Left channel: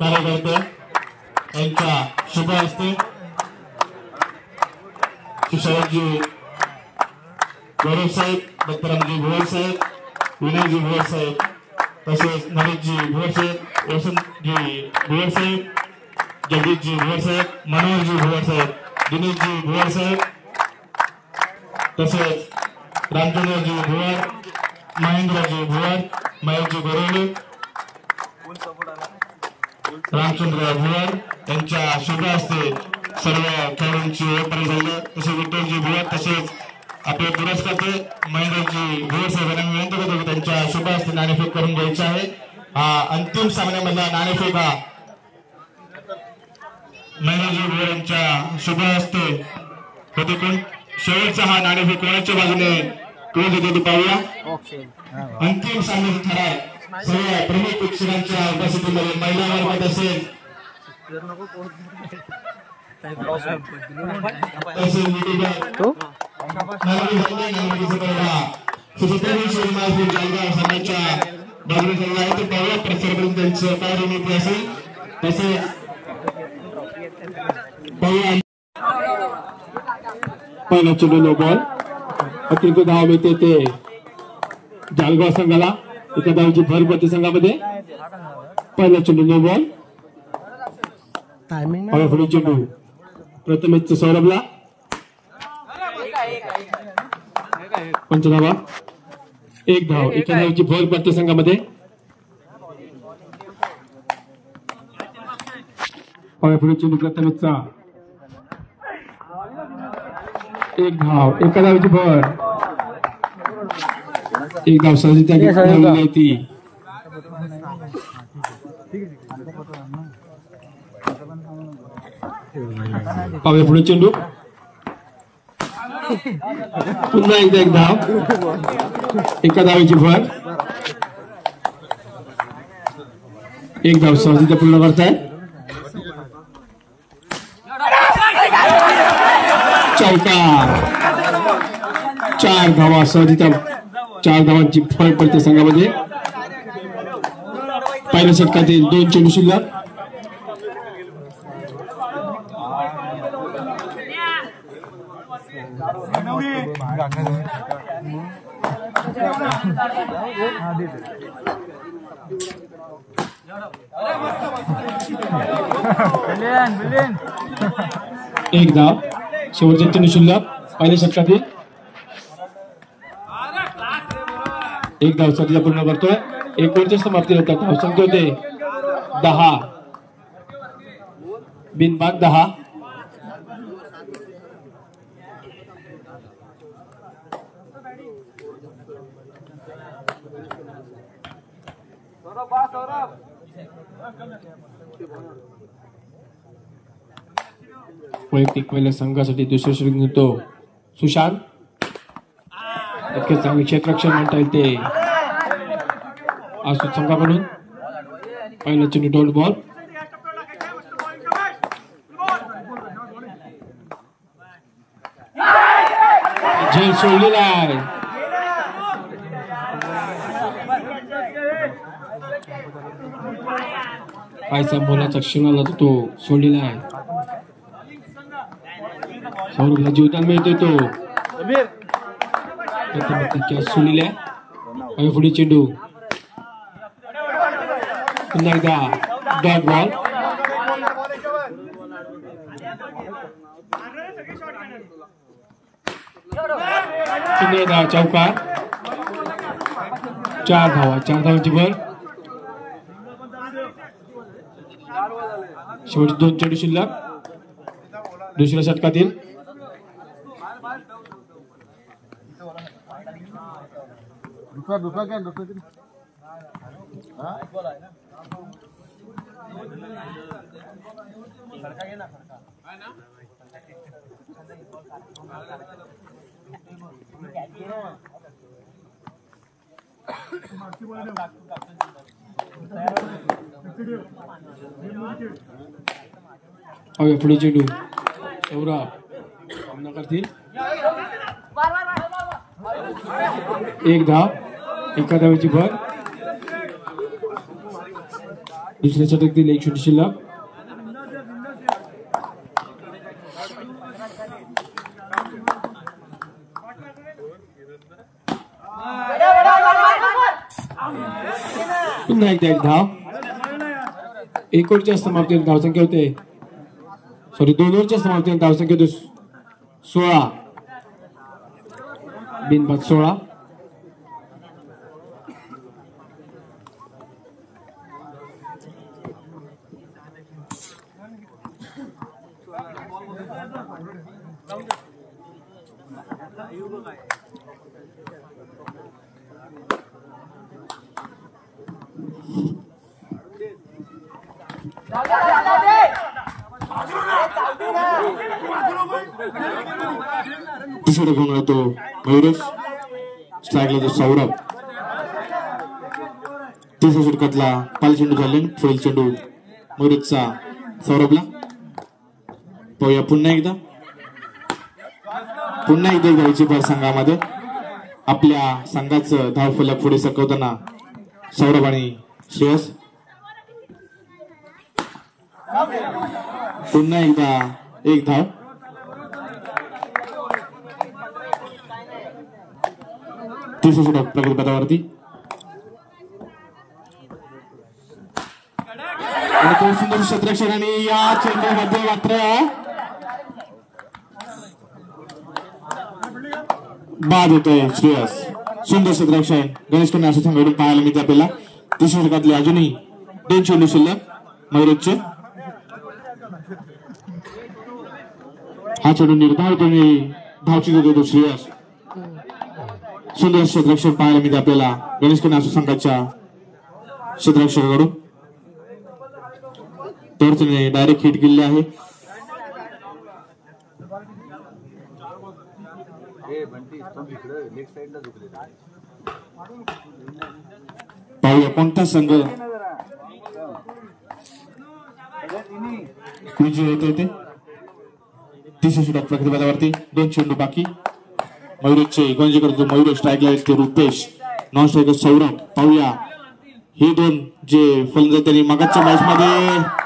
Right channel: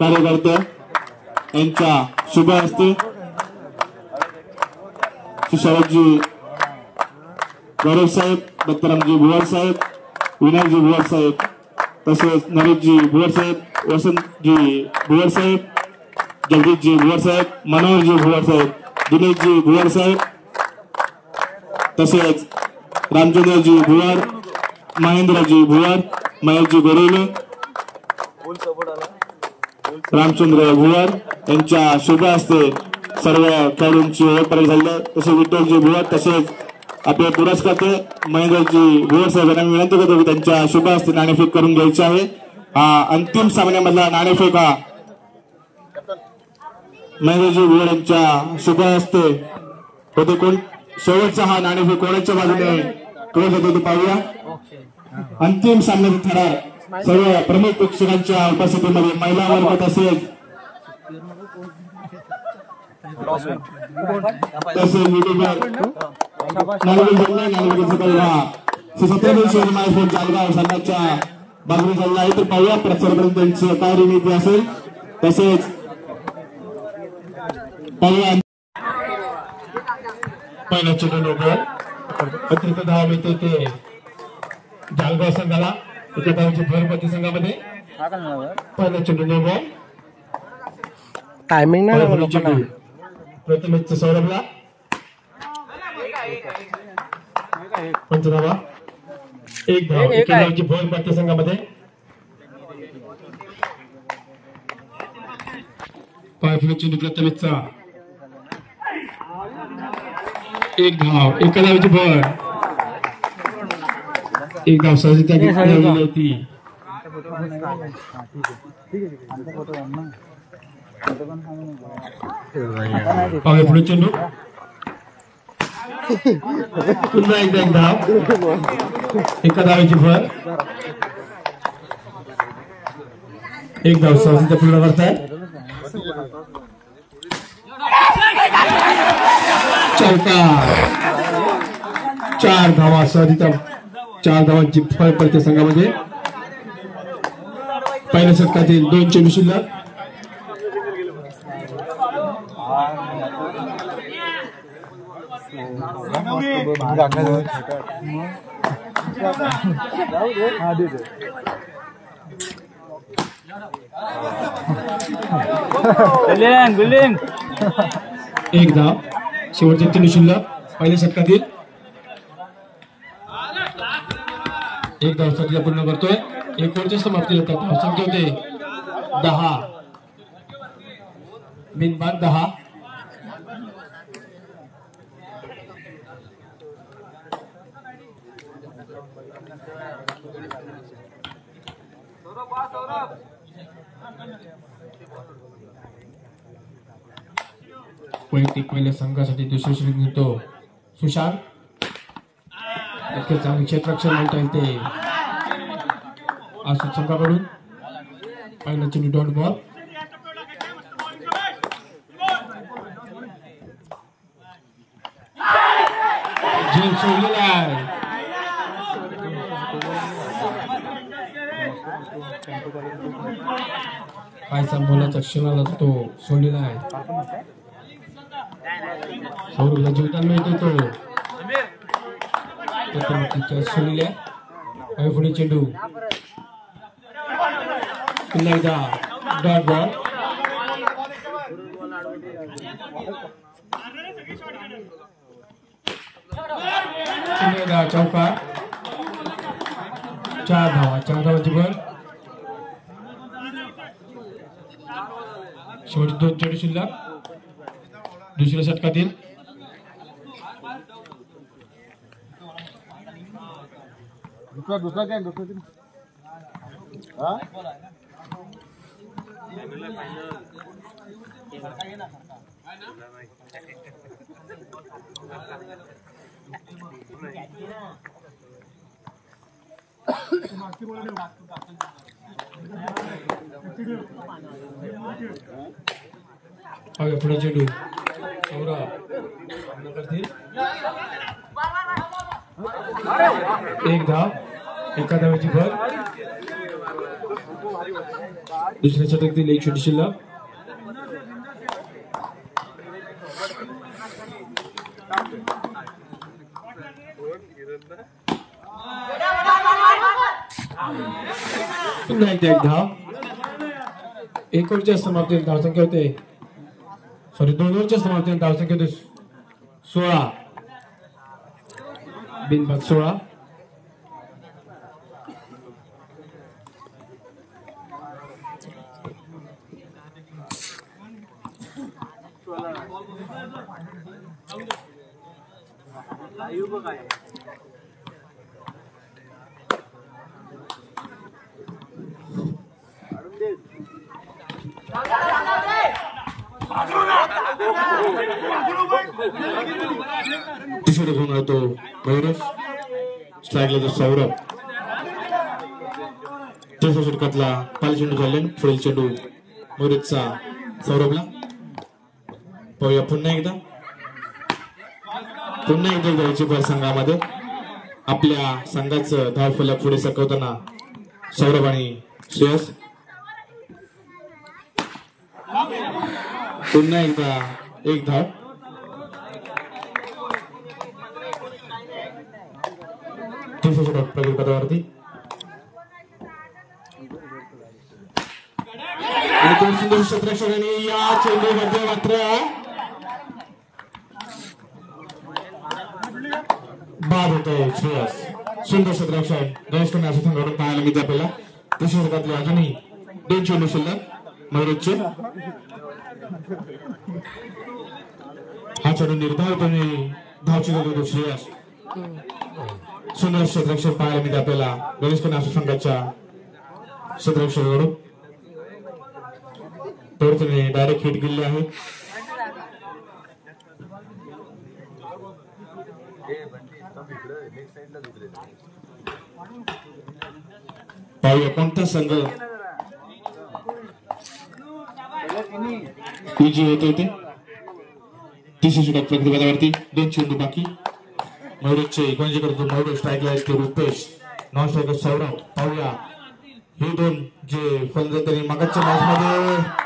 कार्यकर्ते यांच्या शुभ हस्ते सुशांतजी गौरव साहेब, दत्तरामजी भुवर साहेब, विनायकजी भुवर साहेब, तसेच नरेशजी भुवर साहेब, वसंतजी भुवर साहेब, जगदीशजी भुवर साहेब, मनोहरजी भुवर साहेब, दिनेशजी भुवर साहेब, तसेच रामचंद्रजी भुवर, महेंद्रजी भुवर, महेशजी गोरेले, रामचंद्र भुवर यांच्या शुभ हस्ते सर्व खेळाडूंची ओळख झाली. तसेच विठ्ठलजी भुवर, तसेच आपले पुरस्कर्ते महेंद्रजी भुवर साहेब यांना विनंती करतो की त्यांच्या शुभ हस्ते नाणेफेक करून घ्यायची आहे. अंतिम सामन्यामधला नाणेफेक हा महेंद्रजी भुवर यांच्या शुभ हस्ते होते. कोण शेवटचा हा नाणेफेक कोणाच्या बाजूने करत होते ते पाहूया. अंतिम सामन्याचा ठराव सर्व प्रमुख प्रेक्षकांच्या उपस्थितीमध्ये महिला वर्ग तसेच जालगाव संघाच्या बाजूने चालला आहे. तर पाहूया प्रचार करून त्यांची काय रणनीती असेल. तसेच पाहूया पहिल्या चेंडू लोक अतिरिक्त धाव मिळते ते जालगाव संघाला. इथे धावची भर पडते संघामध्ये. पहिला चेंडू नो बॉल. टायमिंग नाही प्रथमेश सौरभला पंचधावा. एक धाव. एका धावची भर पडते संघामध्ये. पुढे चेंडू प्रथमेशचा. एक धाव. एका धावची भर. एक धाव सहज ती पुढे चेंडू. पुन्हा एकदा एक धाव. एका धावाची भर. एक धाव सहज पूर्ण करताय. चार धावा सहज 4 धावांची फरक पडते संघामध्ये. पहिल्या षटकातील 2 चेंडू शिल्लक. एक धाव. शेवटचे चेंडू शिल्लक पहिल्या षटकातील. एक धाव साठी पूर्ण करतोय. 1 समाप्ती होतात. धावसंख्या होते 10. बिनबाद 10. वैयक्तिक पहिल्या संघासाठी दुसरे श्रेणी होतो सुशांत. इतके चांगले क्षेत्ररक्षण म्हणता येईल ते असू संघाकडून. पहिला चेंडू डॉट बॉल. झेल सोडलेला आहे. काय संबोलाचा शिवाला तो सोडलेला आहे. सौरभला जीवदान मिळते तो सोडलेला आहे. पुढे चेंडू. पुन्हा एकदा डॉट बॉल. पुन्हा एकदा चौकार. 4 धावा. 4 धावांची भर. शेवटचे 2 चेंडू शिल्लक दुसऱ्या षटकातील. दुसरा क्या दुसरा दिन पुढे चेंडू. सौरभ सामना करतील. एक धाव. एका धावेची भर. दुसऱ्या षटकातील 1 षटक शिल्लक. पुन्हा एकदा 1 धाव. 1 ओव्हरच्या समाप्तीनंतर धावसंख्या होते 2 ओव्हरच्या समाप्तीनंतर धावसंख्या होते 16. बिनबाद 16. तिसरा घेऊन होतो गौरव. स्ट्राईकला जो सौरभ. तिसऱ्या षटकातला पाल चेंडू झाले. पुढील चेंडू मोरेजचा सौरभला. पाहूया पुन्हा एकदा द्यायची भर संघामध्ये. आपल्या संघाचं धावफलक पुढे सरकवताना सौरभ आणि श्रेयस. पुन्हा एकदा 1 धाव. तिसरं षटक प्रगती पथावरती. सुंदर क्षेत्ररक्षण आणि या चेंडूमध्ये मात्र बाद होतोय श्रेयस. सुंदर क्षेत्ररक्षण गणेश खन्ना असं संघटन पाहायला मिळते आपल्याला. तिसऱ्या षटकातले अजूनही 2 चेंडू शिल्लक मयुरेजचे. हा चेंडू निर्धावपणे धावची होतो श्रेयस. सुंदर क्षेत्ररक्षण पाहायला मिळते आपल्याला गणेश खन्ना असं संघाच्या क्षेत्ररक्षकाकडून. तर त्याने डायरेक्ट हिट केले आहे. पाहूया कोणता संघ विजय होतोय ते. तिसऱ्या षटक प्रगती पथावरती. 2 चेंडू बाकी. मयुरेजचे गणेशकडे मयुरेज स्ट्राईकला आहेत ते रुपेश. Non striker Saurabh. पाहूया हे 2 जे फलंदाज त्यांनी मागच्या मॅच मध्ये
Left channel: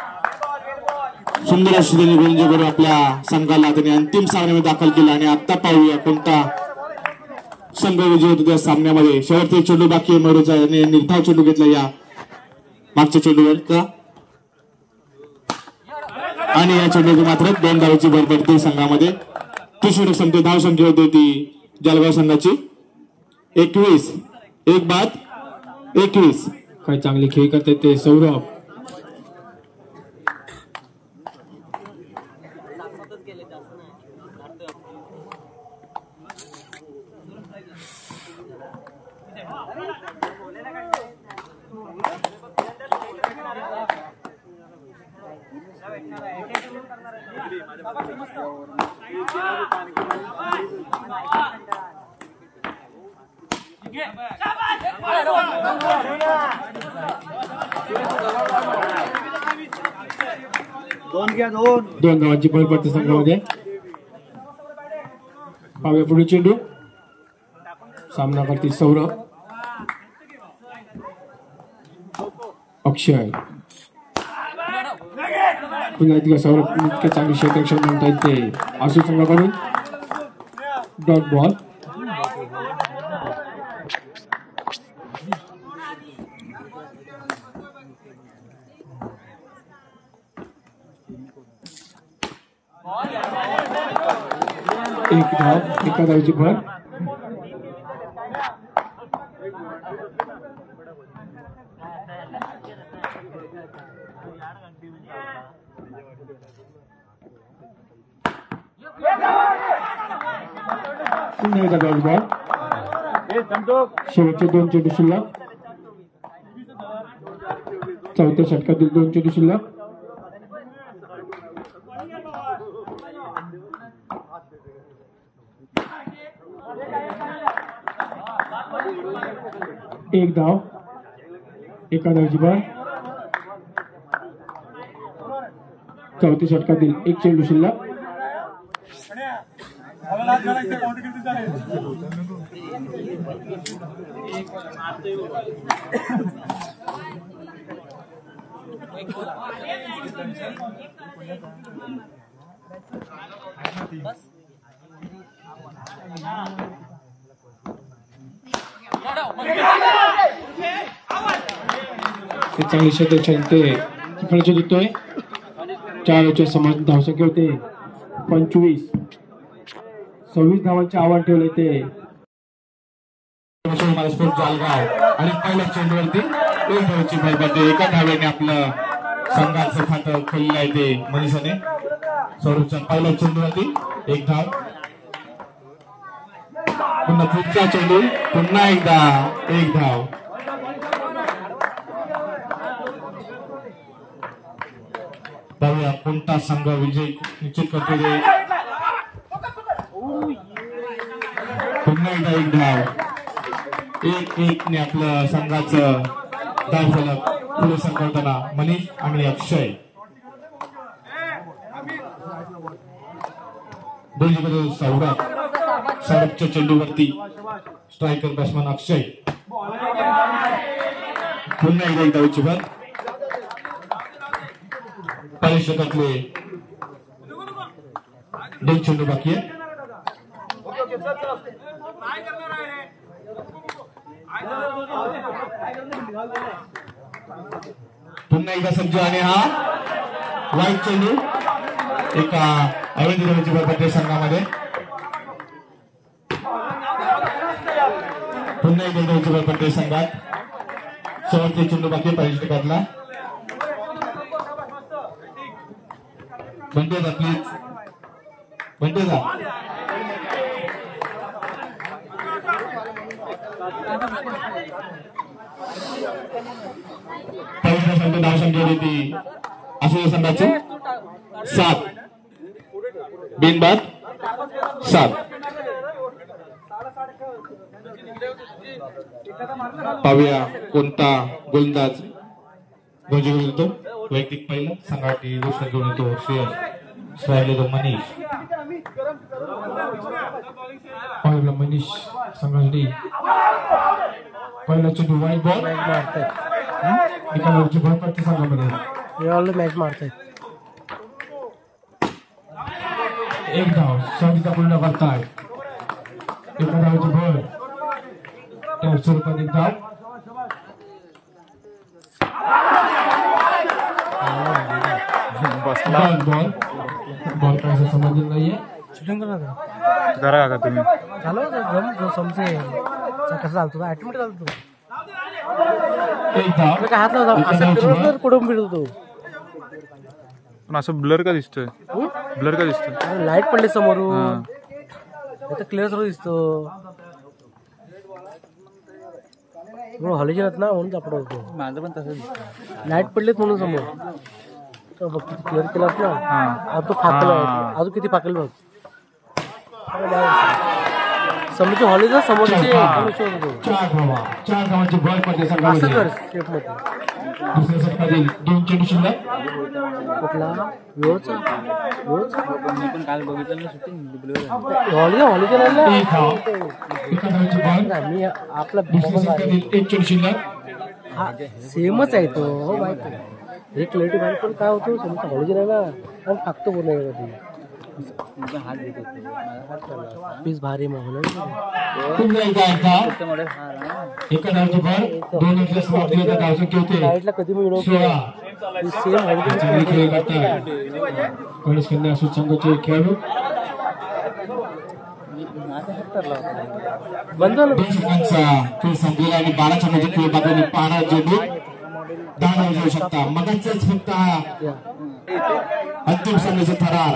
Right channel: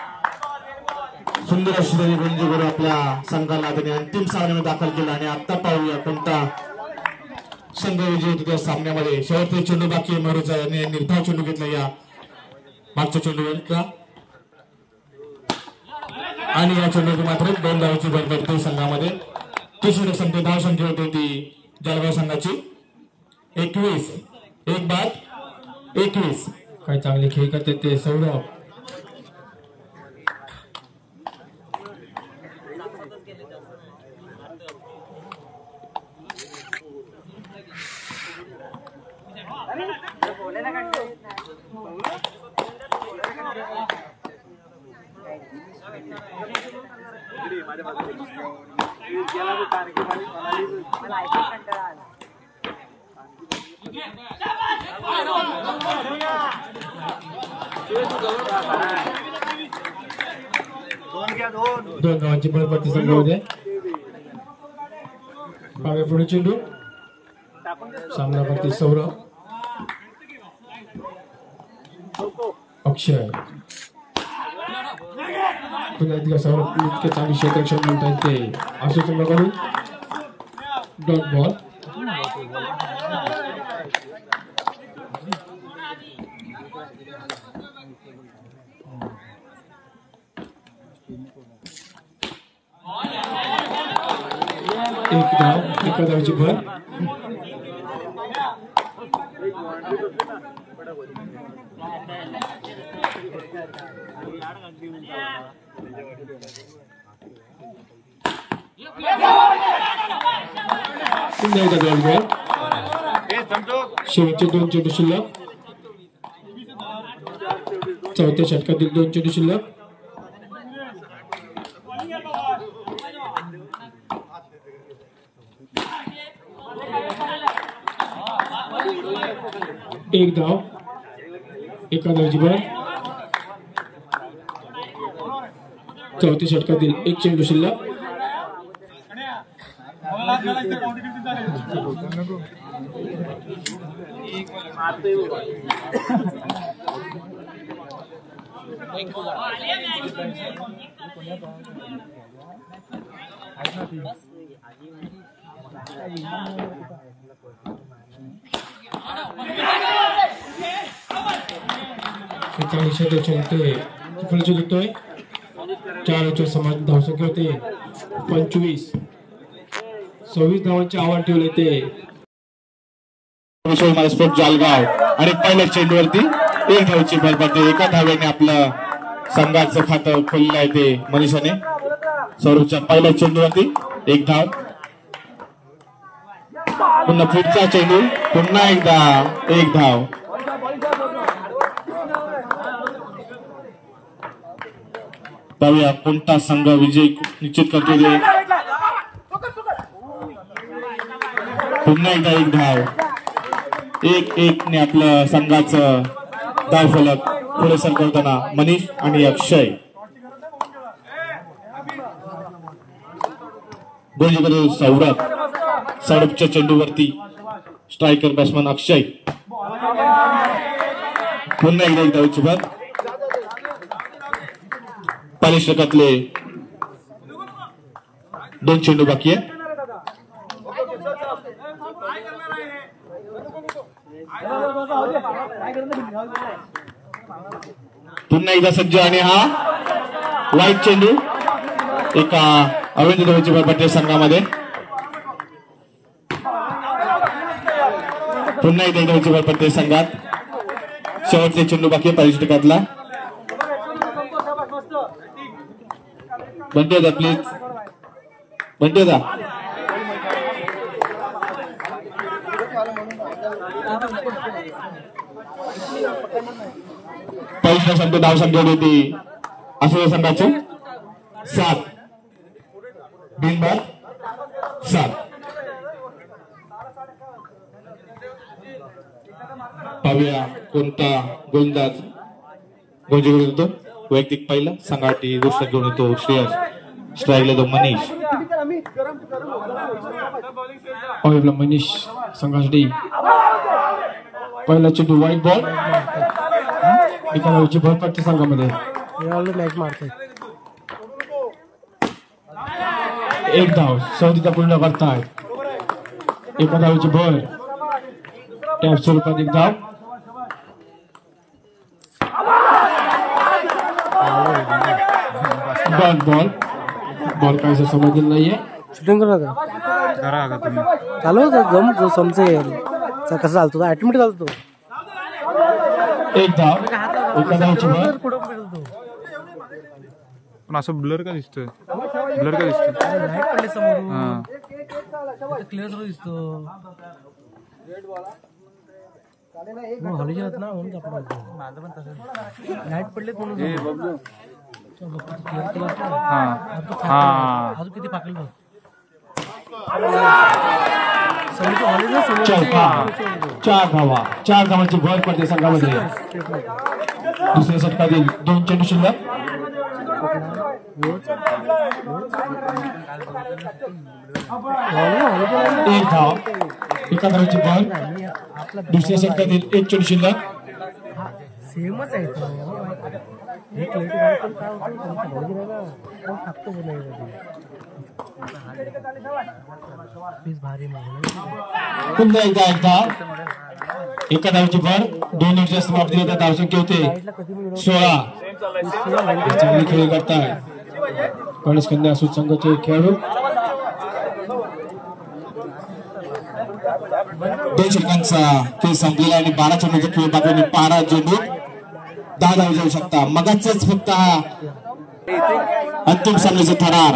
सुंदर अशी त्यांनी गोलंदाजी आपल्या संघाला त्यांनी अंतिम सामन्यामध्ये दाखल केला. आणि आता पाहूया कोणता संघ विजय होतो त्या सामन्यामध्ये. शेवटचे चेंडू बाकी आहे मयुरेज यांनी निर्धाव चेंडू घेतला या मागच्या चेंडूवर का. आणि या चेंडूची मात्र 2 धावांची भर पडते संघामध्ये. तिसरी संख्या धाव संख्या होती ती जळगाव संघाची 21. 1 बाद 21. काय चांगले खेळ करते ते सौरभ. दोन गावांची बळ पडते संघामध्ये. पाव्या पुढे चेंडू. सामना करते सौरभ. अक्षय. पुन्हा एकदा सौरभ इतके चांगले क्षेत्ररक्षण म्हणतात ते असू संघाकडून. Dot ball. एक धाव. एका धावची भर. पुन्हा एकदा धाव बॉल. शेवटचे 2 चेंडू शिल्लक. चौथ्या षटकातील 2 चेंडू शिल्लक. एक धाव. एका धावची भर. चौथ्या षटकातील 1 चेंडू शिल्लक. चांगली षटक ते तिकडचे जिंकतोय 4 समान धावसंख्या होते 25 26 धावांचे आव्हान ठेवले ते जालगाव आणि पहिल्या चेंडूवरती 1 धावची भर पडते. एका धावेने आपल्या संघाचं खातं खोललं आहे ते मनीषाने. सौरभच्या पहिल्या चेंडूवरती 1 धाव. पुन्हा पुढचा चेंडू पुन्हा एकदा 1 धाव. पाहूया कोणता संघ विजय निश्चित करतो. पुन्हा एकदा 1 धाव. 1-1 ने आपलं संघाचं धाव फलक पुढे सरकवताना मनीष आणि अक्षय. गोलंदाज सौरभ. सौरभच्या चेंडूवरती स्ट्रायकर बॅट्समन अक्षय. पुन्हा एकदा 1 धावची भर. 40 षटकातले 2 चेंडू बाकी आहे. पुन्हा एकदा सज्ज आणि हा वाईट चेंडू एका अवैध धावाची भर पडते संघामध्ये. पुन्हा एकदा धावाची भर पडते संघात. शेवटचे चेंडू बाकी आहे 40 षटकातला. बंटेदा प्लीज. बंटेदा सांगतो धाव समजवली होती असं संघाचे 7 बिनबाद 7. पाहूया कोणता गोलंदाज गोंजी घेऊन येतो. वैयक्तिक पहिला संघाटी दुसरा घेऊन येतो श्रेयस. स्ट्राईकला तो मनीष. पाहूया मनीष संघासाठी पहिला चेंडू वाईट बॉल. एका धावची भर पडते संघामध्ये. मॅच मारताय 1 धाव. सौदीचा पूर्ण करताय. एका धावची भर. टॅप स्वरूपात 1 धाव. बॉल काय समजलं नाहीये. शूटिंग करा का तुम्ही चालू जम समजे कसं चालतो ऑटोमॅटिक चालतो. 1 धाव. हात लावतो कुठून फिरतो. पण असं ब्लर का दिसतोय. ब्लर का दिसतोय. लाईट पडली समोरून क्लिअर सर्व दिसतो. हॉलेज ना म्हणून सापडा होतो. माझं पण तसं लाईट पडलेत म्हणून समोर क्लिअर केलास ना. तो फाकल अजून किती फाकल बघ. समोरचे हॉलेज ना समोर 4 धावांची भर करते संघामध्ये. दुसऱ्या षटकातील 2 चेंडू शिल्लक. एका धावाची भर. दुसऱ्या षटकातील 1 चेंडू शिल्लक. सेमच आहे तो. एक लेटी बाहेर पण काय होतो हॉलेज राहिला फाकतो पूर्ण पीस भारी पुन्हा एकदा एका धावची भर. 2 मिनिट समाप्ती होते. धावसंख्या होते 16. चांगली खेळ करतात कॉलेज कन्या सुसंघचे खेळाडू. 2 षटकांचा खेळ संपलेला आणि 12 चेंडूचा खेळ बाकी. 15 चेंडू 10 धाव जाऊ शकता. मगाच फक्त हा अंतिम सामन्याचा थरार.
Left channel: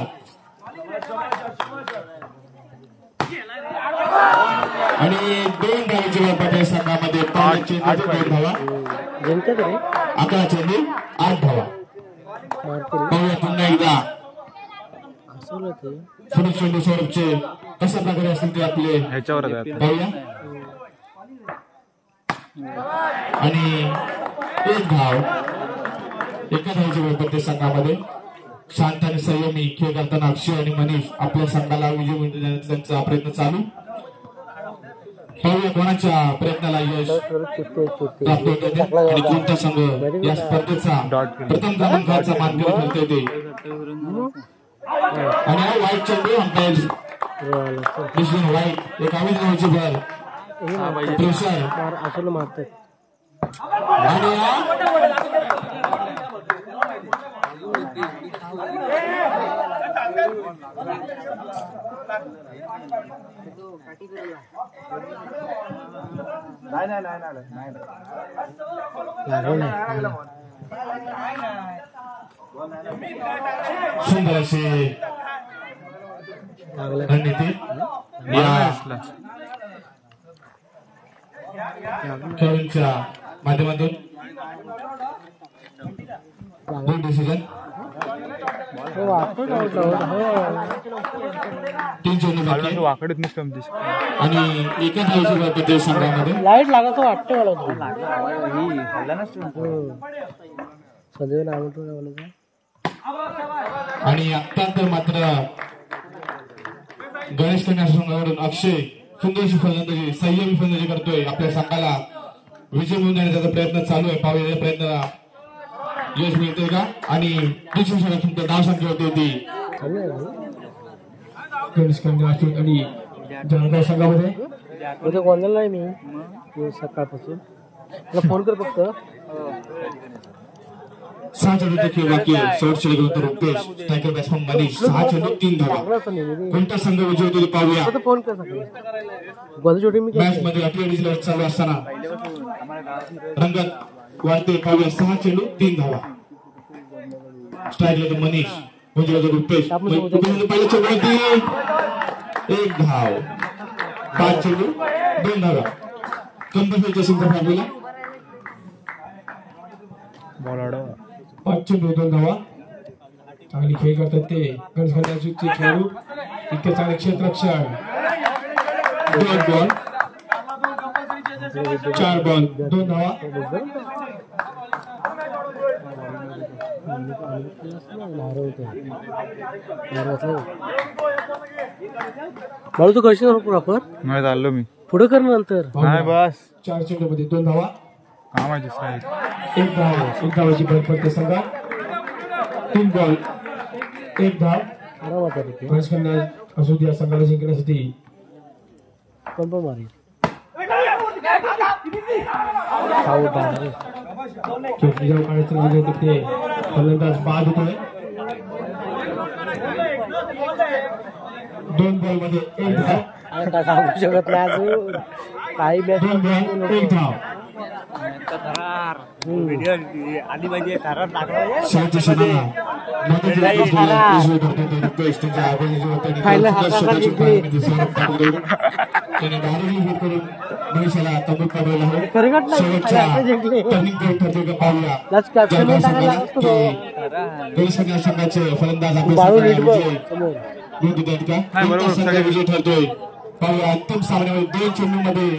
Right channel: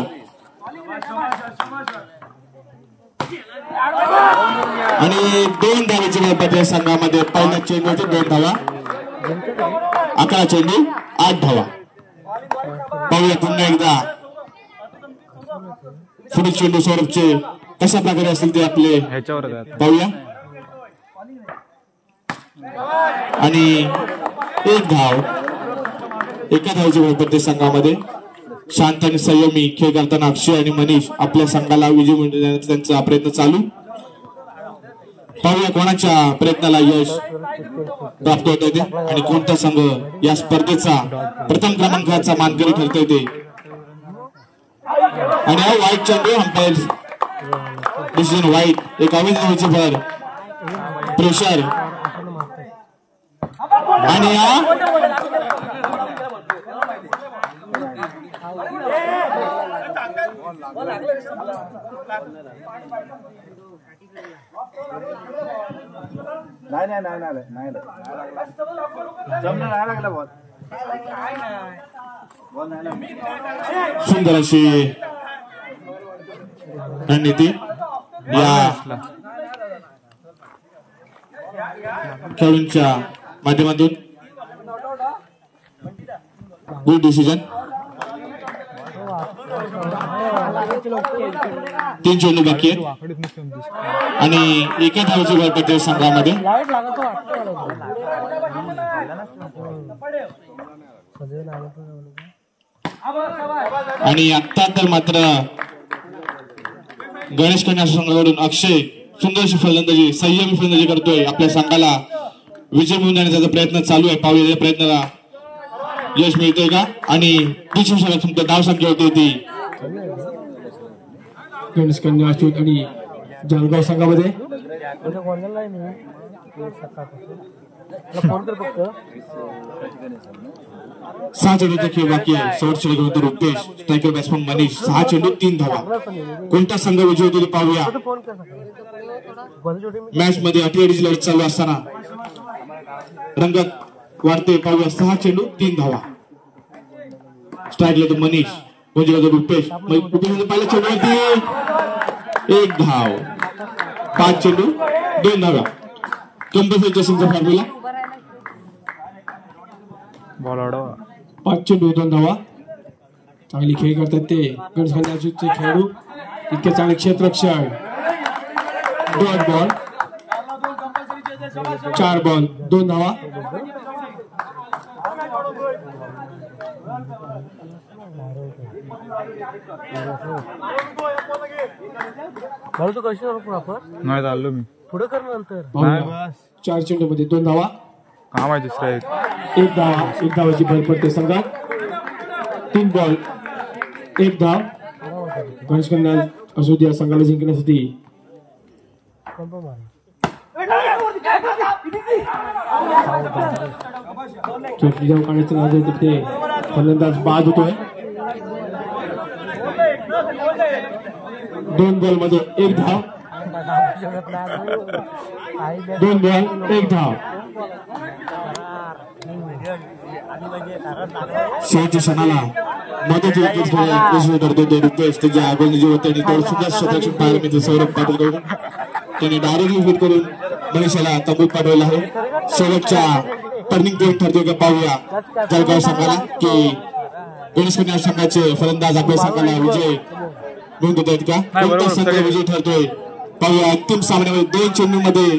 आणि 2 धावाची वेळ पडते संघामध्ये. पहिल्या चेंडूचे 2 धावा. 11 चेंडू 8 धावा. पाहूया पुन्हा एकदा पुढील चेंडू सौरभचे कशा प्रकारे असतील ते आपले पाहूया. आणि 1 धाव. एका धावाची वेळ पडते संघामध्ये. शांत आणि संयमी खेळ करताना अक्षय आणि मनीष आपल्या संघाला विजय मिळवण्याचा त्यांचा प्रयत्न चालू. पाहूया कोणाच्या प्रयत्नाला यश प्राप्त होत ते आणि कोणता संघ या स्पर्धेचा प्रथम क्रमांकाचा मानकरी ठरतोय ते. आणि हा वाईट चेंडू अंपायर डिसिजन वाईट एक अविनावाची भर प्रेशर आणि सुंदर अशी रणनीती खेळूंच्या माध्यमातून गुड डिसिजन. 3 चेंडू बाकी आणि एका धावेची गळ पडते संघामध्ये. आणि आता तर मात्र गणेश कन्या संघाकडून अक्षय सुंदरशी फलंदाजी संयमी फलंदाजी करतोय. आपल्या संघाला विजय मिळवून देण्याचा प्रयत्न चालू आहे. पाहूया या प्रयत्नाला यश मिळतंय का. आणि तुमचं धाव संख्या होती ती गणेश कन्या आणि जळगाव संघामध्ये सकाळपासून फोन कर फक्त 6 चेंडू खेळ बाकी आहे. शेवटचे गुरुतर रुपेश स्ट्रायकर बॅट्समन मनीष 6 चेंडू 3 धावा. कोणता संघ विजय होतो ते पाहूया. मॅच मध्ये 38 लढत चालू असताना रंगत वाढते. पाहूया 6 चेंडू 3 धावा. स्ट्रायकला तो मनीष म्हणजे रुपेश पहिल्या चेंडू 1 धाव. 5 चेंडू 2 धावा. कंपल्सरी चेसिंगचा फॉर्म्युला बॉल अडवा 5 चेंडू 2 धावा. चांगली खेळ करतात ते गणेश कन्याचे खेळाडू. इतके चांगले क्षेत्ररक्षण. 2 बॉल 4 बॉल 2 धावा. मला तू कशी प्रॉपर नाही चाललो मी पुढे कर नंतर. नाही बस 4 चेंडू मध्ये 2 धावा. काम आहे दुसरा एक धावाची भर पडते संघात. 3 बॉल 1 धाव. गणेश कन्या असू द्या संघाला जिंकण्यासाठी फलंदाज बाद होतोय. 2 बॉल मध्ये 1 धाव. 2 बॉल 1 धाव. शेवटच्या क्षणाला महत्वाची विकेट करतो तो रुपेश. त्याच्या आगोनी जे होते स्वतःची पाहिजे सौरभ पाटील त्याने डायरेक्टली हिट करून मनीषाला तंबूत पाठवला आहे. शेवटच्या टर्निंग पॉईंट ठरतो का पाहूया जळगाव संघाला की गणेश कन्या संघाचे फलंदाज आपल्या संघाला विजय मिळवून देत आहेत का. विजय ठरतोय पाहूया. अंतिम सामन्यामध्ये 2 चेंडू मध्ये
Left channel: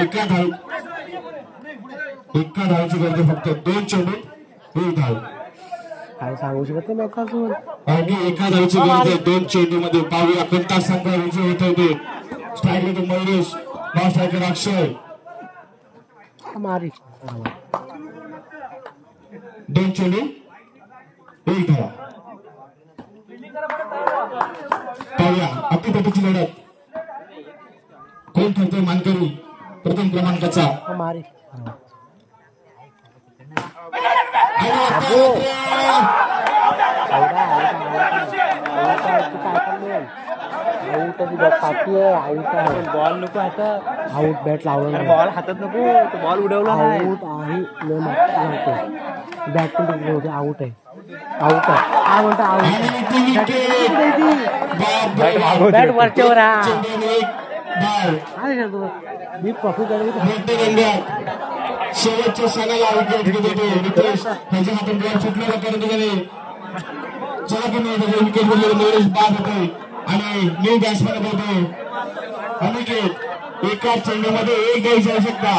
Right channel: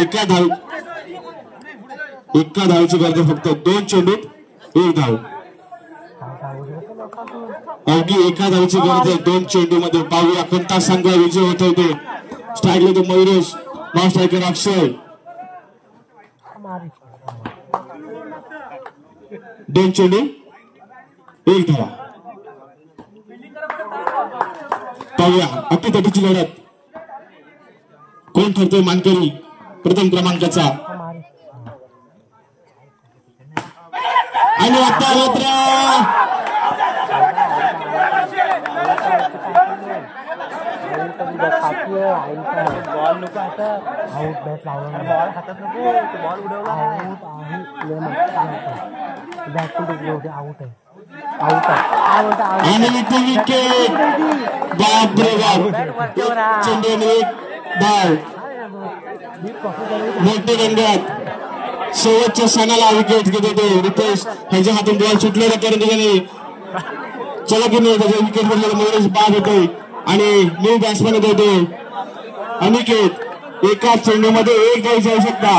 एका धावेची गरज फक्त. 2 चेंडू 1 धाव. अगदी एका धावेची गरज आहे 2 चेंडू मध्ये. पाहूया कोणता संघ विजय होत होते. स्ट्रायकला तो मयुरेश नॉन स्ट्रायकर अक्षय. 2 चेंडू 1 धावा. पाहूया अटीतटीची लढत. कोण ठरतोय मानकरी प्रथम क्रमांकाचा. आणि आता बॅट लावला हातात नको बॉल उडवला बॅट पण आउट आहे. मोठे रंगात शेवटच्या क्षणाला विकेट घेतो रुपेश. ह्याच्या हातून बॉल सुटलेला करून त्याने चला की नाही त्याच्या विकेट घेतलेला मयुरेश बाद होतोय आणि न्यू बॅट्समॅन होतो अनिकेत. एका चेंडू मध्ये 1 धावाची आवश्यकता.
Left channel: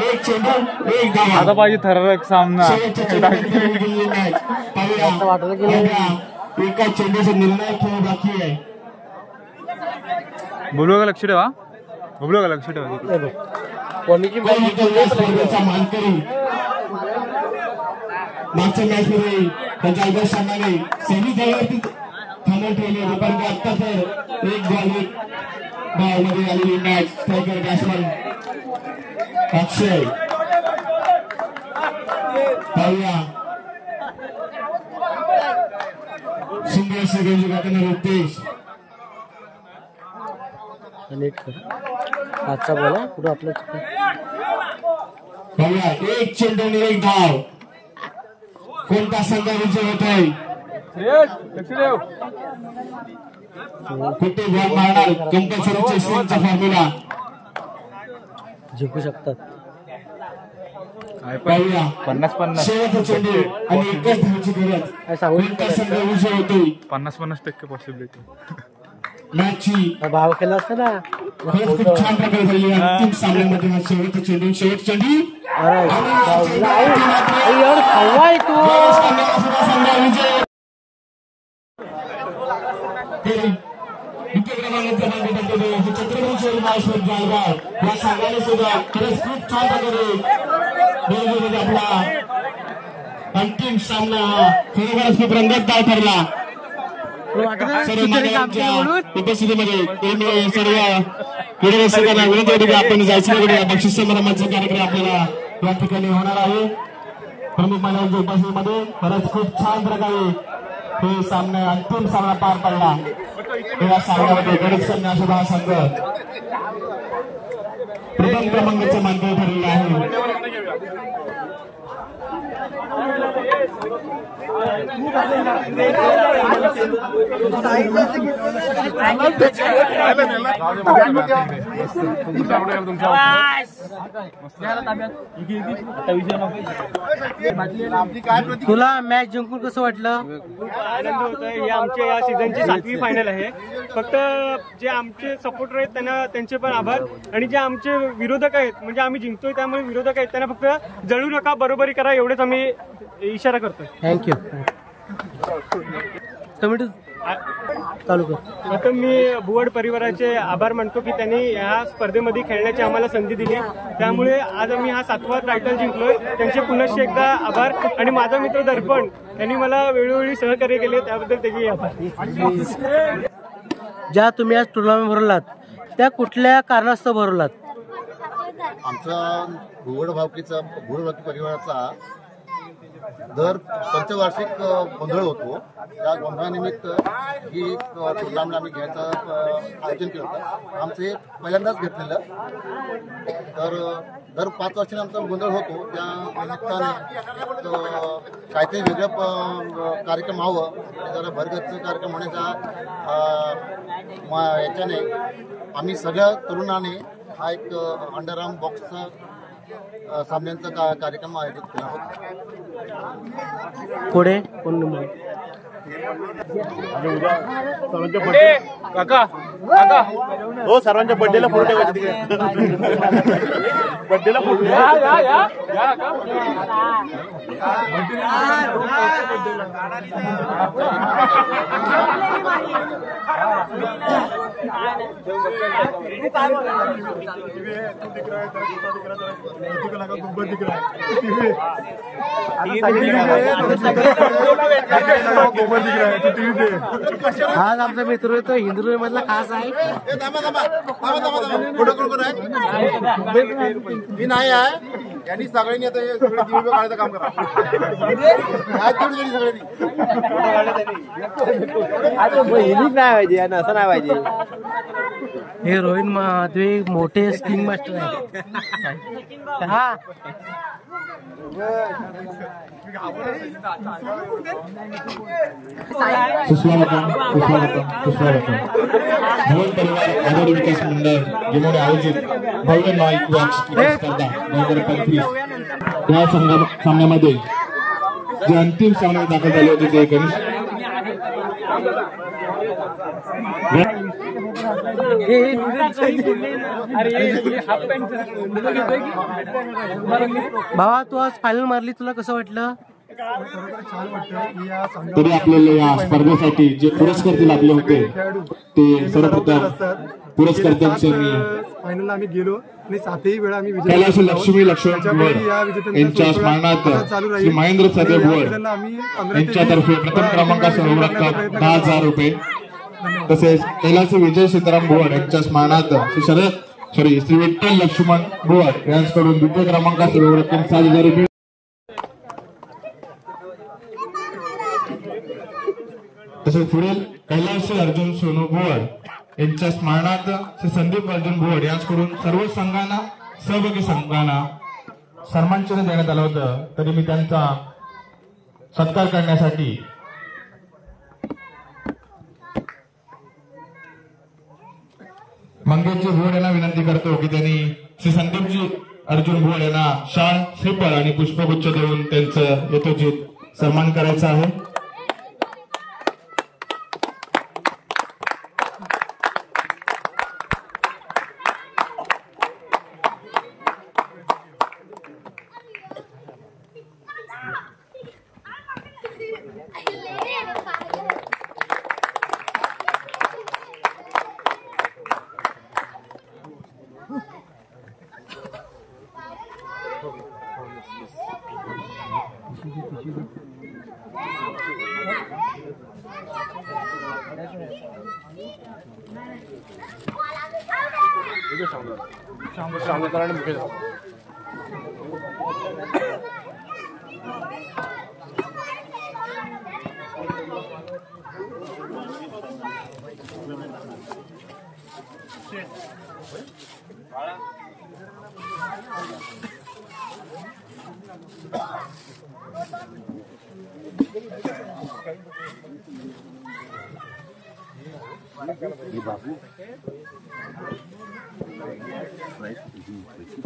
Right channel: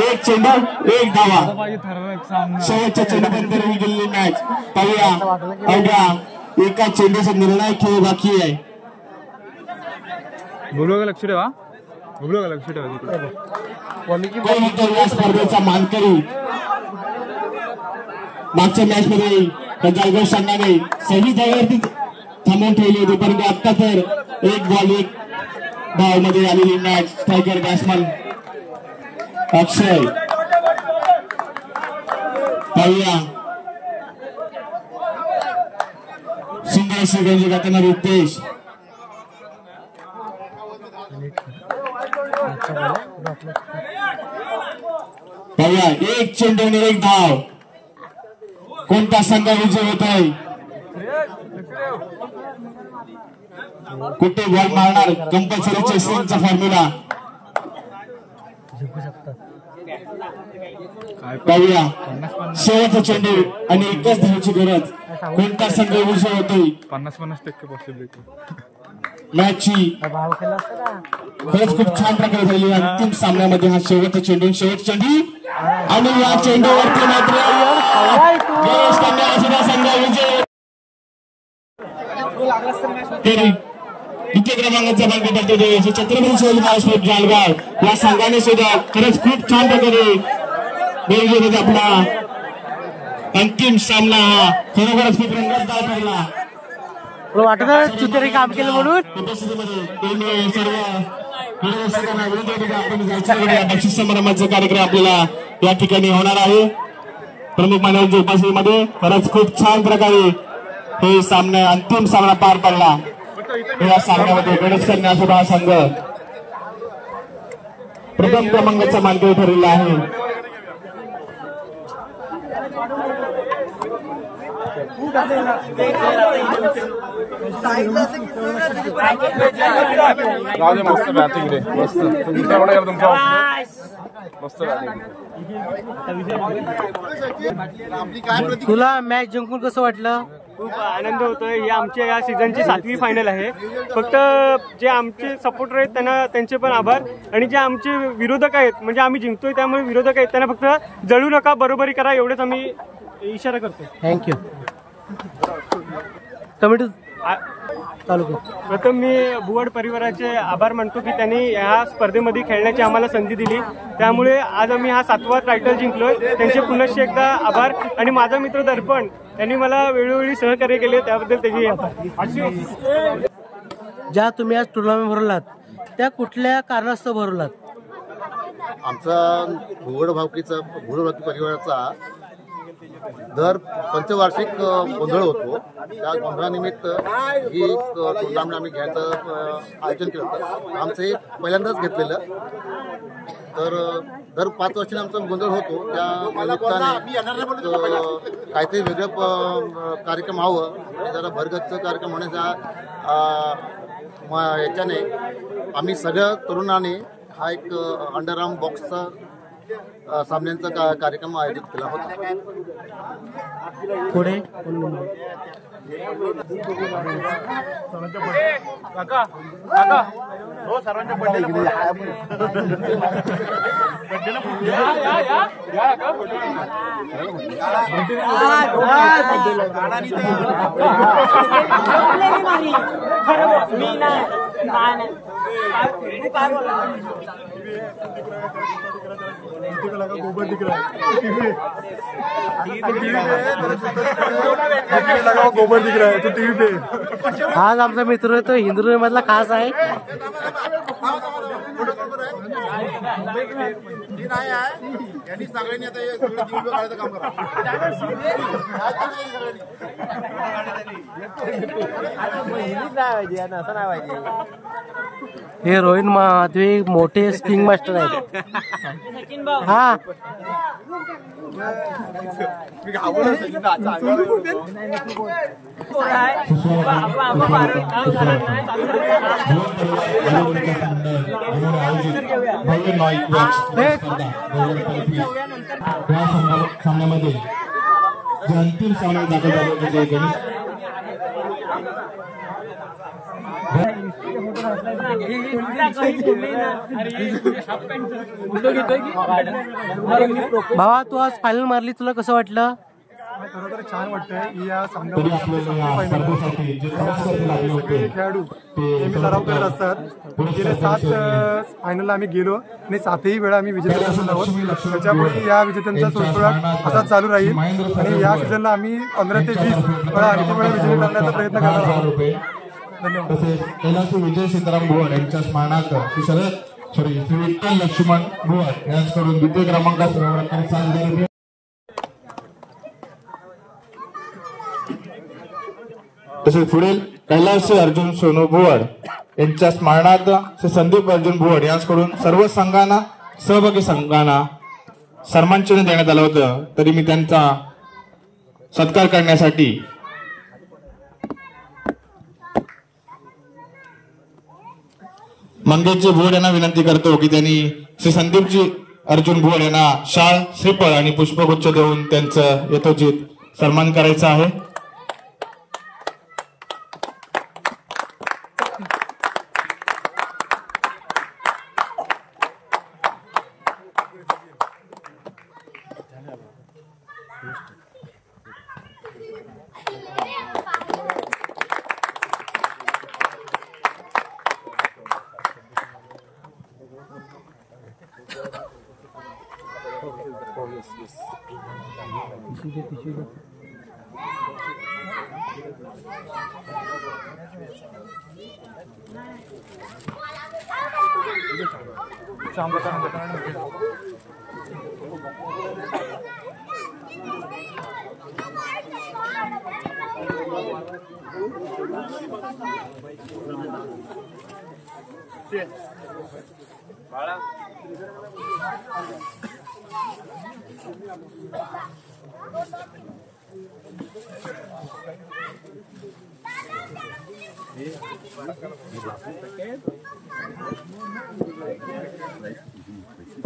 1 चेंडू 1 धावा. आता पाहिजे थरारक सामना. शेवटच्या चेंडूमध्ये गेलेली मॅच. पाहूया एका चेंडूचा निर्णायक खेळ बाकी आहे. बोलू का लक्ष ठेवा. उभलो का लक्ष ठेवा तिकडे. या स्पर्धेचा मानकरी मागच्या मॅच मध्ये त्यांच्या अवघड संघाने सगळी जागेवरती थांबवून ठेवली होती, परंतु आता तर एक बॉल एक धाव मध्ये आलेली मॅच. स्ट्रायकर बॅट्समॅन अक्षय पाहूया सिंगल सेकंड करताना रुपेश पाहूया एक चेंडू आणि एक धाव. कोणता संघ विजय होतोय, कुठे बॉल मारणार, कंपल्सरी चेसिंगचा फॉर्म्युला जिंकू शकतात. पाहूया 50-50 शेवटचा चेंडू आणि एकच धावची गरज. कोणता संघ विजय होतोय, 50% पॉसिबिलिटी. मॅचची भाव केला असता ना. खरंच खूप छान प्रकारे झाली. अंतिम सामन्यामध्ये हा शेवटचा चेंडू आणि या चेंडूवरती मात्र जयेश कन्या सुद्धा संघ विजय. द्वितीय क्रमांकाचा मार्ग करतो छत्रपती शिवाजी महाराज जळगाव या संघाने सुद्धा खरंच खूप छान प्रकारे नियोजन आपला अंतिम सामना हा खरोखरच खूप रंगतदार ठरला. काम केलं म्हणून उपस्थितीमध्ये सर्व क्रीडारसिकांना विनंती आपण जायचं बक्षीस समारंभाचा कार्यक्रम आपल्याला या ठिकाणी होणार आहे. प्रमुख मान्यवरांच्या उपस्थितीमध्ये खरंच खूप छान प्रकारे हे सामना अंतिम सामना पार पडला. या सामन्यामध्ये गणेश कन्या सुद्धा संघ प्रथम क्रमांकाचा मानकरी ठरलेला आहे. तुला मॅच जिंकून कसं वाटलं? खूप आनंद होतोय. ही आमच्या या सीझनची 7वी फायनल आहे. फक्त जे आमचे सपोर्टर आहेत त्यांना त्यांचे पण आभार, आणि जे आमचे विरोधक आहेत म्हणजे आम्ही जिंकतोय त्यामुळे विरोधक आहेत त्यांना फक्त जळू नका, बरोबरी करा एवढंच आम्ही इशारा करतोय. थँक्यू. कमिटी चालू कर. प्रथम मी भुवड परिवाराचे आभार मानतो की त्यांनी ह्या स्पर्धेमध्ये खेळण्याची आम्हाला संधी दिली, त्यामुळे आज आम्ही हा 7वा टायटल जिंकलोय. त्यांचे पुनश्च एकदा आभार. आणि माझा मित्र दर्पण यांनी मला वेळोवेळी सहकार्य केले त्याबद्दल त्याचे आभार. ज्या तुम्ही आज टुर्नामेंट भरवलात त्या कुठल्या कारणास्तव भरवलात? आमचा भुवड भावकी परिवाराचा दर पंचवार्षिक गोंधळ होतो. त्या गोंधळानिमित्त ही टुर्नामेंट आम्ही घ्यायचं आयोजन केलं होतं. आमचं हे पहिल्यांदाच घेतलेलं. तर दर 5 वर्षांनी आमचा गोंधळ होतो. त्या निमित्ताने काहीतरी वेगळं कार्यक्रम हवं आणि जरा भरगच्च कार्यक्रम होण्याच्या याच्याने आम्ही सगळ्या तरुणांनी हा एक अंडरआर्म बॉक्सचा सामन्यांचा कार्यक्रम आयोजित केला होता. पुढे कोण नंबर? हो, सर्वांच्या बर्थडेला फोटो बर्थडेला फोटो गोबर दिख रहा है. आज आमचा मित्र तो हिंदू मधला खास आहे. नाही आहे यांनी सगळ्यांनी आता काढायचं काम करा. असं नाही पाहिजे. हे रोहित महात्वे मोठे स्किंग मास्टर आहेत. हा सामन्यामध्ये जे अंतिम सामने दाखल झाले होते ते गणेश भावा, तू आज फायनल मारली, तुला कसं वाटलं? खरोखर छान वाटतंय या तरी आपल्याला या स्पर्धेसाठी जे पुरस्कार लागले होते खेळाडू ते सराव करत असतात. गेले 7 फायनलला आम्ही गेलो आणि 7ही वेळा आम्ही विजेते ठरलो आहोत. त्याच्यामुळे या विजेत्यांचा सुळसुळाट असा चालू राहील आणि या सीझनला आम्ही 15 ते 20 वेळा आणखी वेळा विजेते करण्याचा प्रयत्न करणार आहोत. तसेच कैलास विजय सीताराम भुवन यांच्या स्मरणार्थ श्री विठ्ठल लक्ष्मण भुवन यांच्याकडून द्वितीय क्रमांकात सर्व रक्कम 7,000 रुपये. तसेच पुढे कैलास अर्जुन सोनू भुवड यांच्या स्मरणार्थ श्री संदीप अर्जुन भुवड यांच्याकडून सर्व संघांना सहभागी संघांना सन्मानचिन्ह देण्यात आलं होतं. तरी मी त्यांचा सत्कार करण्यासाठी मंगेशजी भुवड यांना विनंती करतो की त्यांनी श्री संदीपजी अर्जुन भुवड यांना शाल श्रीफळ आणि पुष्पगुच्छ देऊन त्यांचं यथोचित सन्मान करायचा आहे.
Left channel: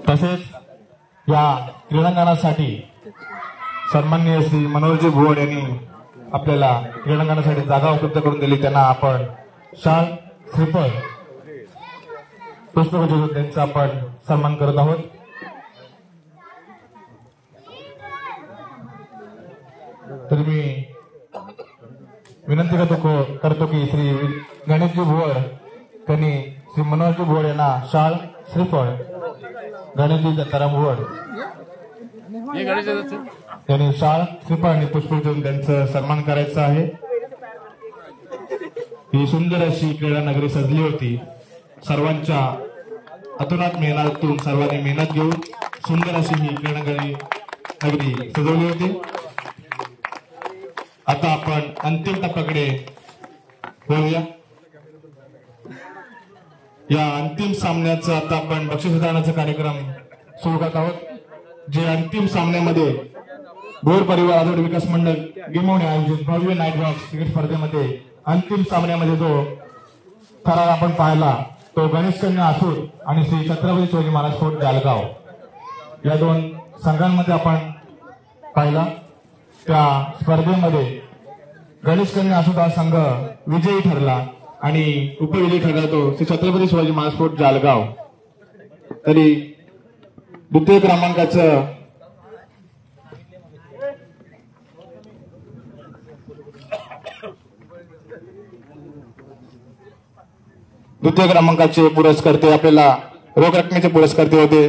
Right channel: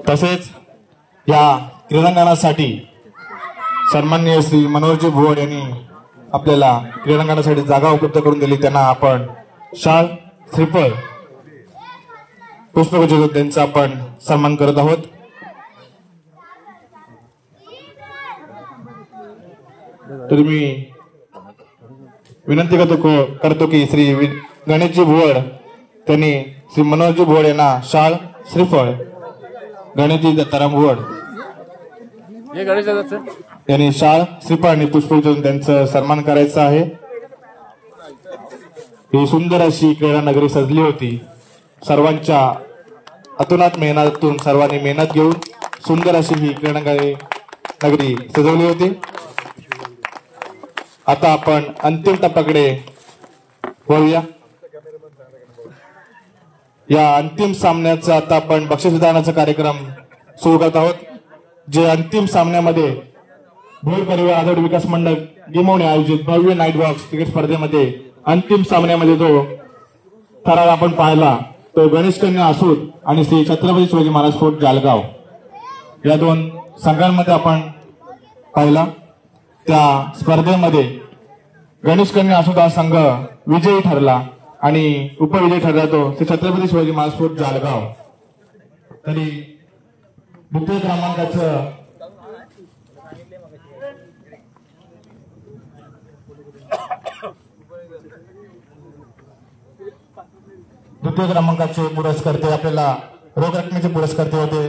तसेच या क्रीडांगणासाठी सन्माननीय श्री मनोहरजी भुवड यांनी आपल्याला क्रीडांगणासाठी जागा उपलब्ध करून दिली. त्यांना आपण शाल श्रीफळ पुष्पगुच्छ त्यांचा आपण सन्मान करत आहोत. तर मी विनंती करतो की श्री गणेशजी भुवड त्यांनी श्री मनोहरजी भुवड यांना शाल श्रीफळ गणेशजी दत्ताराम भुवड यांनी शाल श्रीफळ आणि पुष्पगुच्छ त्यांचं सन्मान करायचं आहे. ही सुंदर अशी क्रीडा नगरी सजली होती. सर्वांच्या अतोनात मेहनतीतून सर्वांनी मेहनत घेऊन सुंदर अशी ही क्रीडा नगरी सजवली होती. आता आपण अंतिम टप्प्याकडे वळूया. या अंतिम सामन्याचा आता आपण बक्षीस वितरणाचा कार्यक्रम सुरू करत आहोत. जे अंतिम सामन्यामध्ये भोर परिवार आदोड विकास मंडळ गिमवणे आयोजित भव्य नाईट वॉक्स क्रिकेट स्पर्धेमध्ये अंतिम सामन्यामध्ये जो थरार आपण पाहिला तो गणेश कन्या आसूर आणि श्री छत्रपती शिवाजी महाराज फोर्ट जालगाव या 2 संघांमध्ये आपण पाहिला. त्या स्पर्धेमध्ये गणेश कन्या आसूर हा संघ विजयी ठरला आणि उपविजयी ठरला तो श्री छत्रपती शिवाजी महाराज फोर्ट जालगाव. तरी द्वितीय क्रमांकाचं पुरस्कर्ते आपल्याला रोख रकमेचे पुरस्कर्ते होते.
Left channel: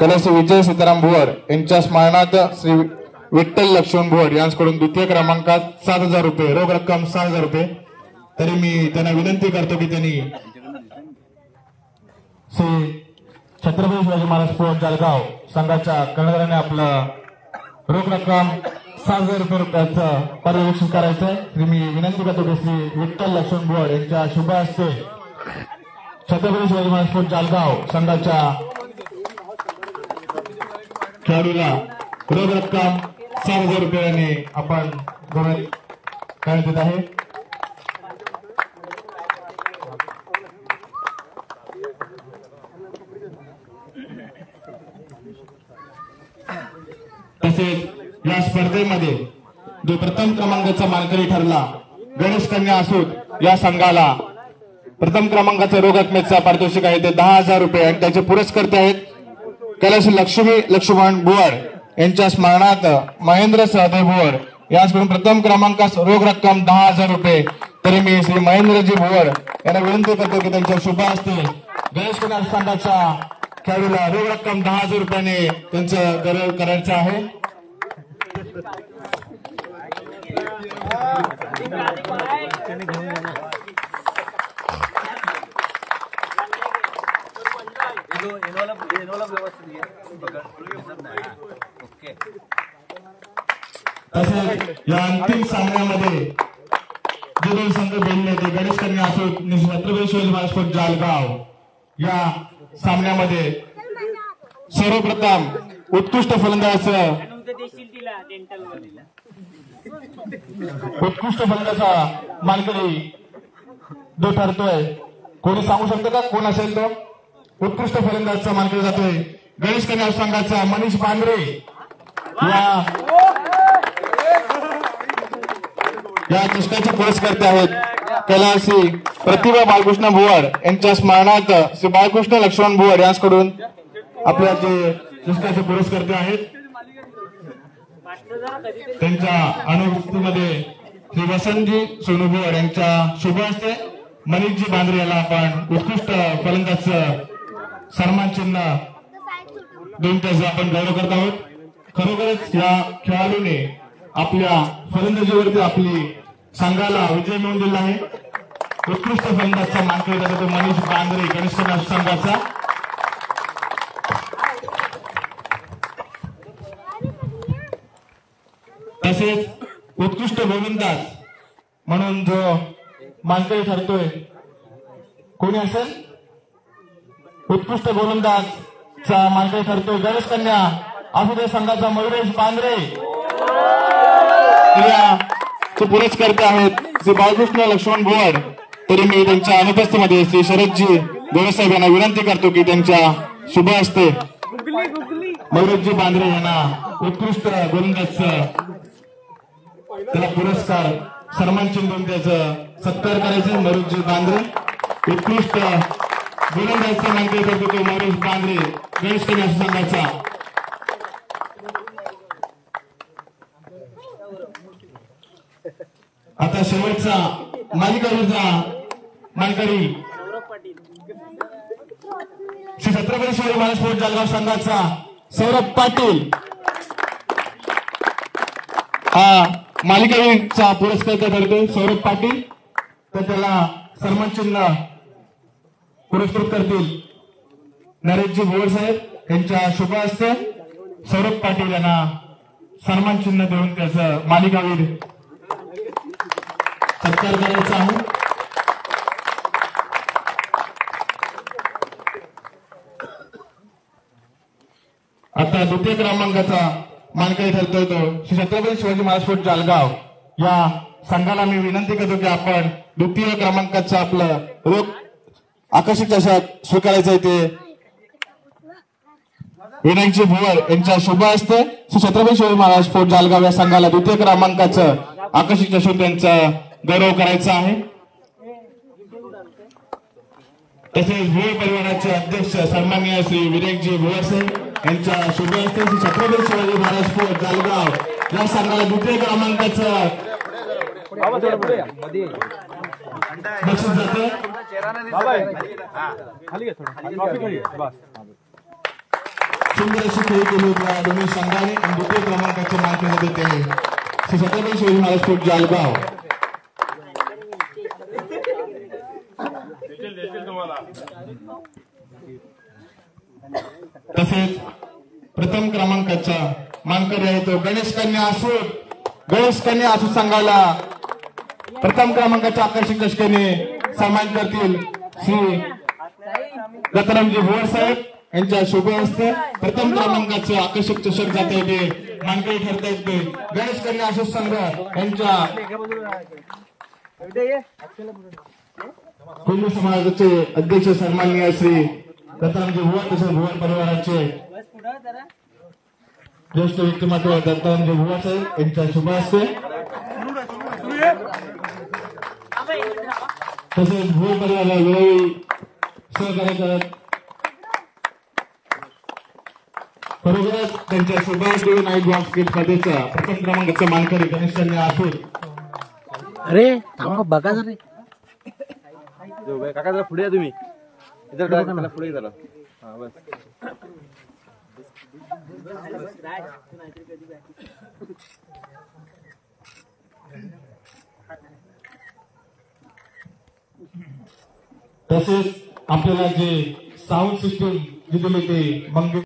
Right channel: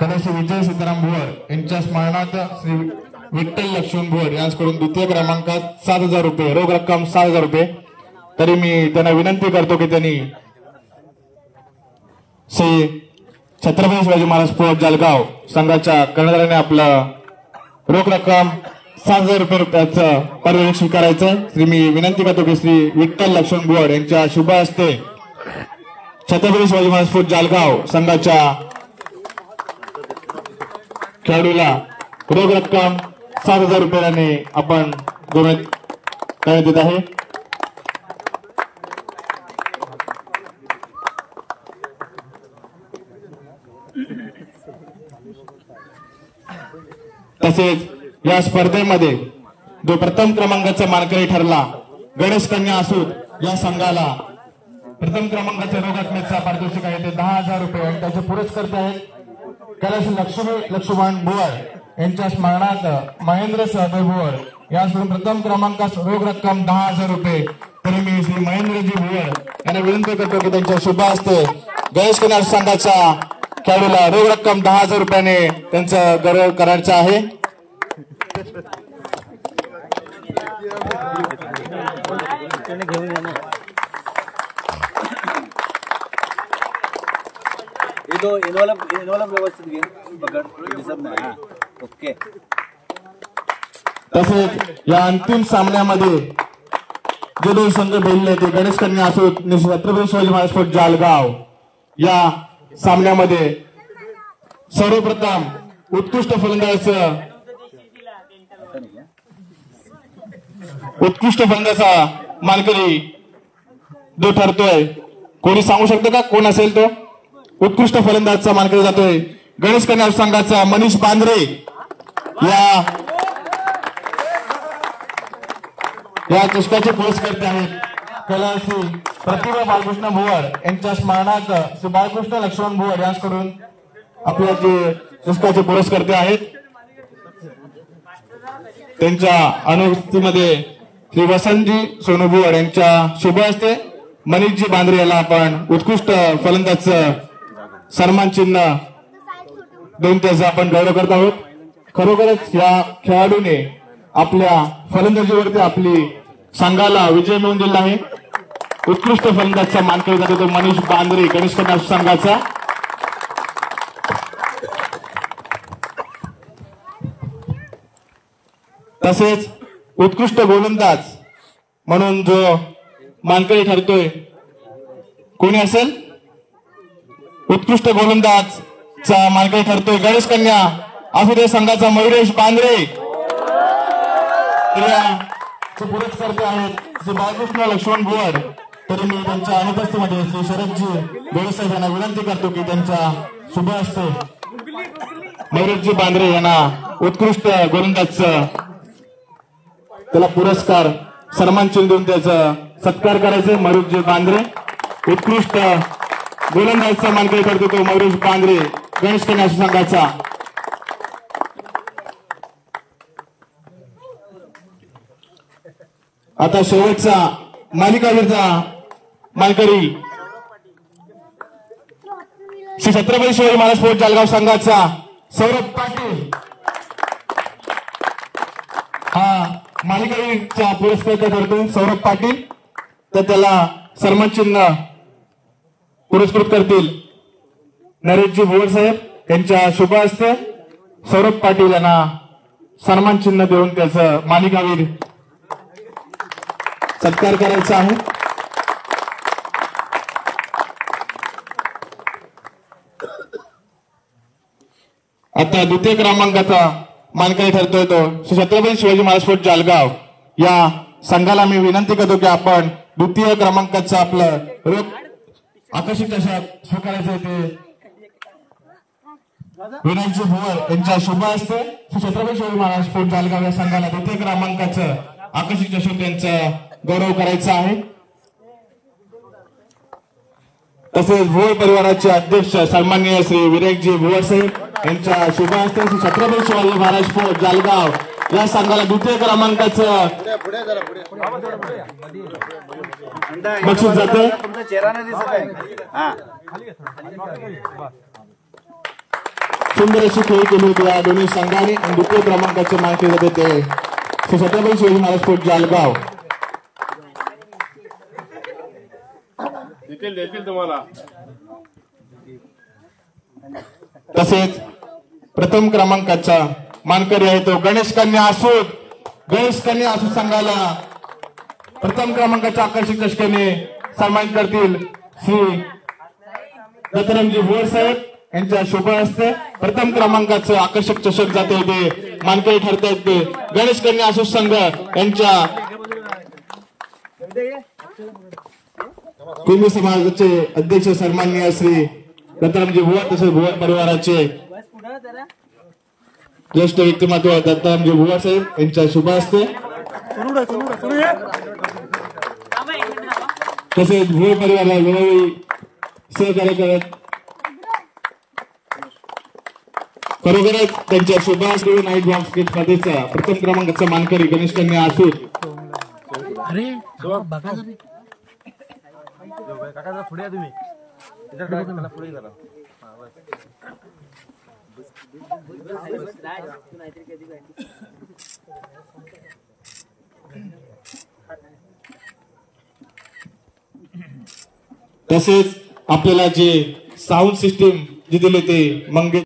कैलास विजय सीताराम भुवड यांच्या स्मरणार्थ श्री विठ्ठल लक्ष्मण भुवड यांच्याकडून द्वितीय क्रमांकात 7,000 रुपये रोख रक्कम 7,000 रुपये. तरी मी त्यांना विनंती करतो की त्यांनी श्री छत्रपती शिवाजी महाराज फोर्ट जालगाव संघाच्या कर्णधाराने आपलं रोख रक्कम 7,000 रुपयाचं पारितोषिक स्वीकारायचं. श्री मी विनंती करतो की श्री विठ्ठल लक्ष्मण भुवड यांच्या शुभ हस्ते छत्रपती शिवाजी महाराज फोर्ट जालगाव संघाच्या खेळाडूला रोख रक्कम 7,000 रुपयाने आपण करण्यात येत आहे. तसेच या स्पर्धेमध्ये जो प्रथम क्रमांकाचा मानकरी ठरला गणेश कन्या आसूर या संघाला प्रथम क्रमांकाचे रोख रकमेचा पारितोषिक आहे ते 10,000 रुपये आणि त्याचे पुरस्कर्ते आहेत कैलास लक्ष्मी लक्ष्मण बुवाड यांच्या स्मरणार्थ महेंद्र सहदेव बुवाड याचकडून प्रथम क्रमांकास रोख रक्कम 10,000 रुपये. तरी मी श्री महेंद्रजी बुवाड यांना विनंती करतो की त्यांच्या शुभ हस्ते गणेश कन्या संघाच्या खेळाडूला रोख रक्कम 10,000 रुपयाने त्यांचा गौरव करायचा आहे. तसेच या अंतिम सामन्यामध्ये जे दोन संघ भिडले ते गणेश कन्या असो छत्रपती शिवाजी महाराज स्पोर्ट जालगाव या सामन्यामध्ये सर्वप्रथम उत्कृष्ट फलंदाजा मानकरी जो ठरतोय. कोणी सांगू शकतो का कोण असेल तो? उत्कृष्ट फलंदाजचा मानकरी जातोय गणेश कन्या संघाचा मनीष बांद्रे. या चषकाचे पुरस्कर्ते आहेत कैलासी प्रतिभा बाळकृष्ण बुवाड यांच्या स्मरणार्थ श्री बाळकृष्ण लक्ष्मण बुवाड यांच्याकडून आपल्या जे चषकाचे पुरस्कर्ते आहेत. त्यांच्या अनुपस्थितीमध्ये श्री वसंतजी सोनू बुवाड यांच्या शुभ हस्ते मनीषजी बांद्रे याला आपण उत्कृष्ट फलंदाजचं सन्मान चिन्ह देऊन त्याचा आपण गौरव करत आहोत. खरोखरच या खेळाडूने आपल्या फलंदाजीवरती आपली संघाला विजय मिळवून दिला आहे. उत्कृष्ट फलंदाजचा मानकरी जातो तो मनीष बांद्रे गणेश कन्या संघाचा. तसेच उत्कृष्ट गोलंदाज म्हणून जो मानकरी ठरतोय कोणी असेल? उत्कृष्ट गोलंदाजचा मानकरी ठरतोय गणेश कन्या आसुदे संघाचा मयुरेश बांद्रे. याचे पुरस्कर्ते आहेत श्री बाळकृष्ण लक्ष्मण बुवाड. तरी मी त्यांच्या अनुपस्थितीमध्ये श्री शरदजी देवसाहेब यांना विनंती करतो की त्यांच्या शुभ हस्ते मयुरेशजी बांद्रे यांना उत्कृष्ट गोलंदाजचं त्याला पुरस्कार सन्मान चिन्ह देऊन त्याचा सत्कार करायचा. मयुरेशजी बांद्रे उत्कृष्ट गोलंदाजचा मानकरी ठरतो तो मयुरेश बांद्रे गणेश कन्या संघाचा. आता शेवटचा मालिकावीरचा मानकरी श्री छत्रपती शिवाजी महाराज स्पोर्ट जालगाव संघाचा सौरभ पाटील. हा मालिकावीरचा पुरस्कार ठरतो सौरभ पाटील. तर त्याला सन्मान चिन्ह पुरस्कृत करतील नरेशजी भोवर साहेब यांच्या शुभ हस्ते सौरभ पाटील यांना सन्मान चिन्ह देऊन त्याचं मालिकावीर सत्कार करायचा आहे. आता द्वितीय क्रमांकाचा मानकरी ठरतोय तो श्री छत्रपती शिवाजी महाराज स्पोर्ट जालगाव या संघाला मी विनंती करतो की आपण द्वितीय क्रमांकाचं आपलं रोख आकर्षक चषक स्वीकारायचं ते विनायकजी भुवर यांच्या शुभ हस्ते श्री छत्रपती शिवाजी महाराज स्पोर्ट जालगाव या संघाला द्वितीय क्रमांकाचं आकर्षक चषक त्यांचा गौरव करायचा आहे. तसेच भुवर परिवाराचे अध्यक्ष सन्माननीय श्री विनायकजी भुवर साहेब यांच्या शुभ हस्ते श्री छत्रपती शिवाजी महाराज स्पोर्ट जालगाव या संघाला द्वितीय क्रमांकाचं बक्षीस जाते. सुंदर अशी खेळ केली होती या दोन्ही संघाने आणि द्वितीय क्रमांकाचे मानकरी जाते ते श्री छत्रपती शिवाजी महाराज स्पोर्ट जालगाव. तसेच प्रथम क्रमांकाचा मानकरी आहे तो गणेश कन्या आसूद संघाला प्रथम क्रमांकाच्या आकर्षक चषकाने सन्मानित करतील श्री दत्तरामजी भुवर साहेब यांच्या शुभ हस्ते. प्रथम क्रमांकाचं आकर्षक चषक जाते ते मानकरी ठरतात ते गणेश कन्या आसूद संघ यांच्या कुंभ समाजाचे अध्यक्ष सन्माननीय श्री दत्तरामजी भुवर तसेच भुवर परिवाराचे ज्येष्ठ व्यक्तिमत्व दत्तरामजी भुवर साहेब यांच्या शुभ हस्ते तसेच भुवर परिवाराला वेळोवेळी सहकार्य करत खरोखरच त्यांच्या सुभाष नाईक बॉक्स स्किट स्पर्धेचा प्रथम क्रमांकाचा मानकरी गणेश कन्या असून अरे थांबा बघा जरा काका जरा पुढे या तुम्ही पुढे जरा तसेच आपल्याला जे साऊंड सिस्टीम जे दिले ते मंगेश